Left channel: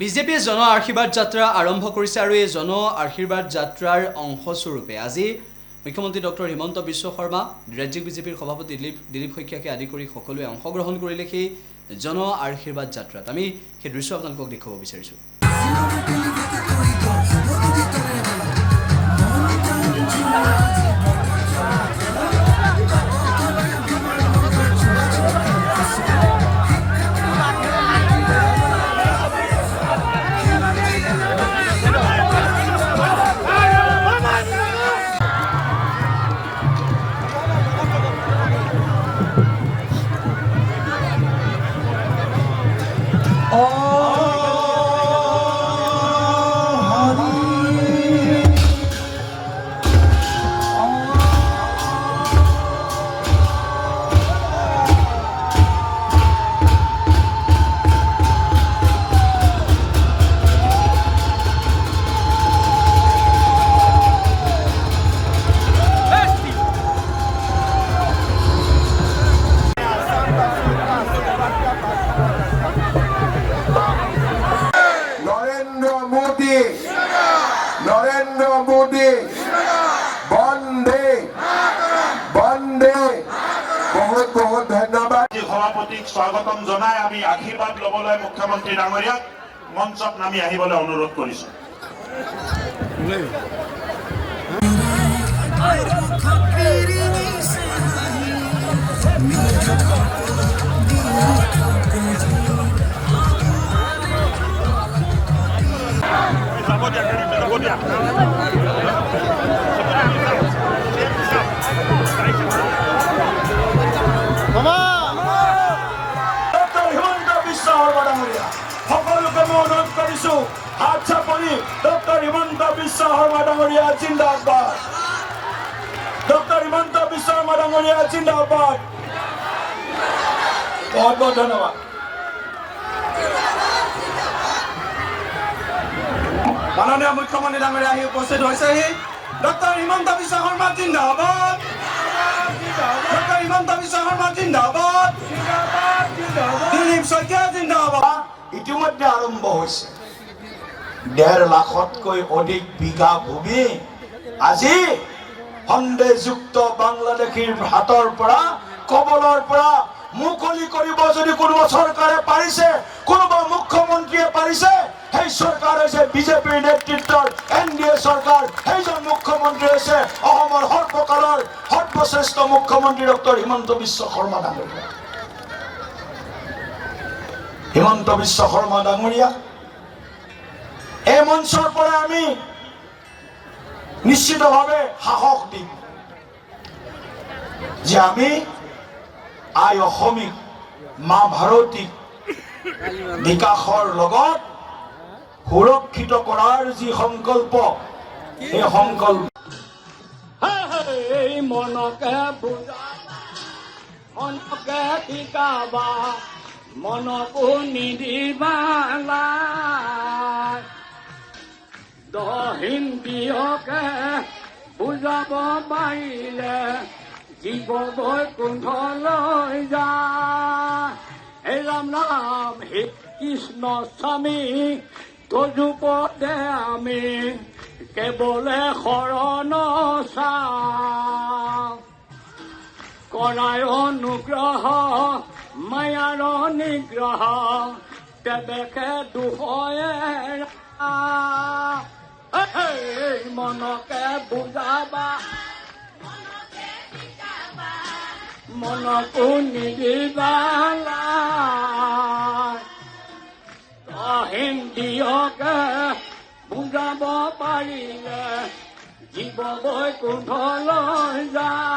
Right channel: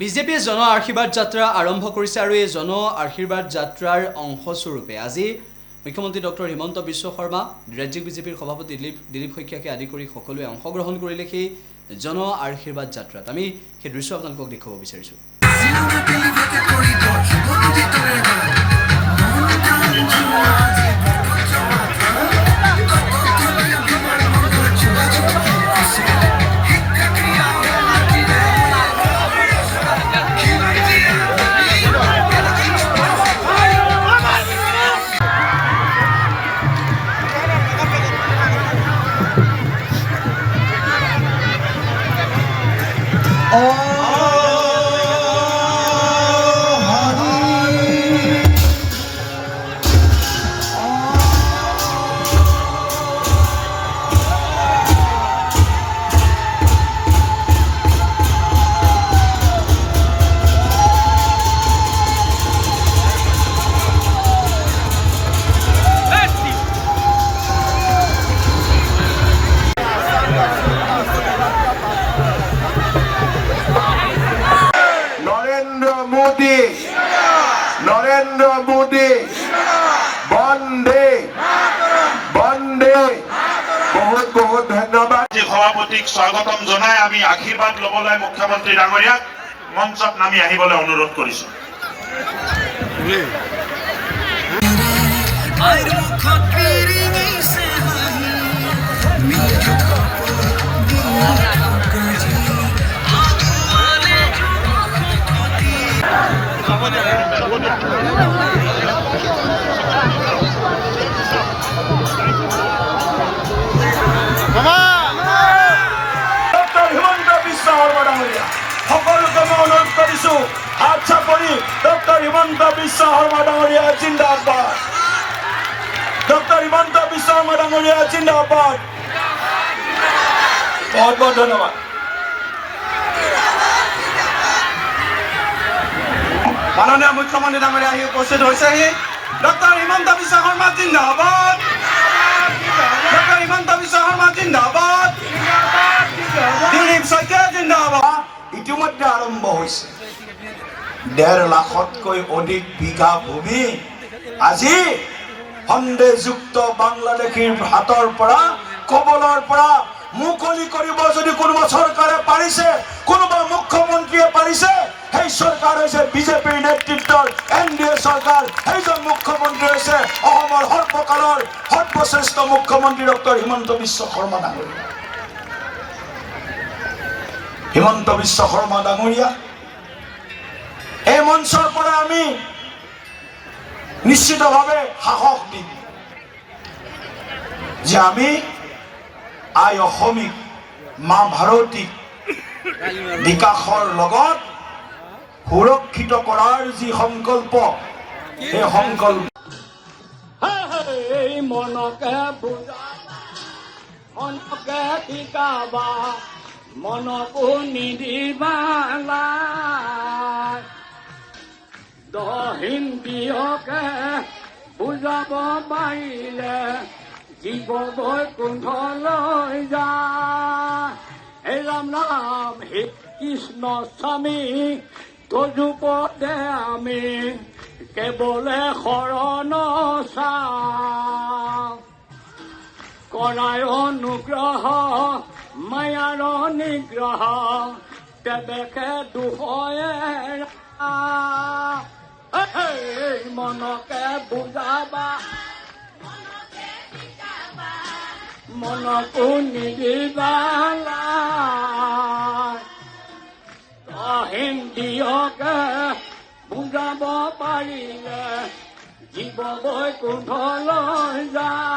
বিজেপিয়ে জন আশীৰ্বাদ যাত্ৰা আৰম্ভ কৰিছে আৰু এই জন আশীৰ্বাদ যাত্ৰাৰ অংশস্বৰূপে আজি মুখ্যমন্ত্ৰী ডক্টৰ হিমন্ত বিশ্ব শৰ্মা, ৰাজ্যিক বিজেপিৰ সভাপতি দিলীপ শইকীয়াকে আদি কৰি সকলোৱে অংশগ্ৰহণ কৰিলে সেই জন আশীৰ্বাদ যাত্ৰাত। আমি সেই দৃশ্য আপোনালোকক দেখুৱাব বিচাৰিছোঁ। নরেন্দ্র মোদী বন্দে বন্দে বহুত বহুত ধন্যবাদ। সভাপতিক স্বাগতম জনাই আমি আশীৰ্বাদ লবলৈ মুখ্যমন্ত্ৰী ডাঙৰীয়াক মঞ্চত নামি আহিবলৈ অনুৰোধ কৰিছো। ডক্টৰ হিমন্ত বিশ্ব শৰ্মা ডাঙৰীয়া সকলোকে মই অনুৰোধ কৰিছো, হাত চাপৰি ডক্টৰ হিমন্ত বিশ্ব শৰ্মা ডাঙৰীয়া জিন্দাবাদ। ডক্টৰ হিমন্ত বিশ্ব শৰ্মা ডাঙৰীয়া জিন্দাবাদ। বহুত বহুত ধন্যবাদ। মাননীয় মুখ্যমন্ত্ৰী ডাঙৰীয়া আহি উপস্থিত হৈছেহি। ডক্টৰ হিমন্ত বিশ্ব শৰ্মা জিন্দাবাদ। ডক্টৰ হিমন্ত বিশ্ব শৰ্মা জিন্দাবাদ। দিলীপ শইকীয়া জিন্দাবাদ। ইতিমধ্যে আৰম্ভ হৈছে 1.5 লাখতকৈ অধিক বিঘা ভূমি আজি সন্দেহযুক্ত বাংলাদেশীৰ হাতৰ পৰা কবলৰ পৰা মুকলি কৰিব। যদি কোনোবা চৰকাৰে পাৰিছে, কোনোবা মুখ্যমন্ত্ৰীয়ে পাৰিছে, সেই চৰকাৰ হৈছে বিজেপিৰ নেতৃত্বৰ NDA চৰকাৰ। সেইজন মুখ্যমন্ত্ৰী হৈছে অসমৰ সৰ্বকালৰ সৰ্বশ্ৰেষ্ঠ মুখ্যমন্ত্ৰী ডক্টৰ হিমন্ত বিশ্ব শৰ্মা ডাঙৰীয়া। হিমন্ত বিশ্ব শৰ্মা ডাঙৰীয়া এই মঞ্চৰ পৰা আমি নিশ্চিতভাৱে সাহস দিম যে আমি আই অসমীক, মা ভাৰতীক বিকাশৰ লগত সুৰক্ষিত কৰাৰ যি সংকল্প, সেই সংকল্প মনকে বুজা, মনকে শিকাবা, মনকো নিদিবা হিন্দীয়কে বুজাব পাৰিলে জীৱ বৈকুণ্ঠলৈ যায়। হে ৰাম ৰাম হে কৃষ্ণ স্বামী তজুপদে আমি কেৱলে শৰণ চাওঁ। কৰায় অনুগ্ৰহ মায়াৰ নিগ্ৰহ তেবেকে দুখয়ে মনকে বুজাবা, মনকো নিদিবা হিন্দীয়কে বুজাব পাৰিলে জীৱ বৈকুণ্ঠলৈ যায়।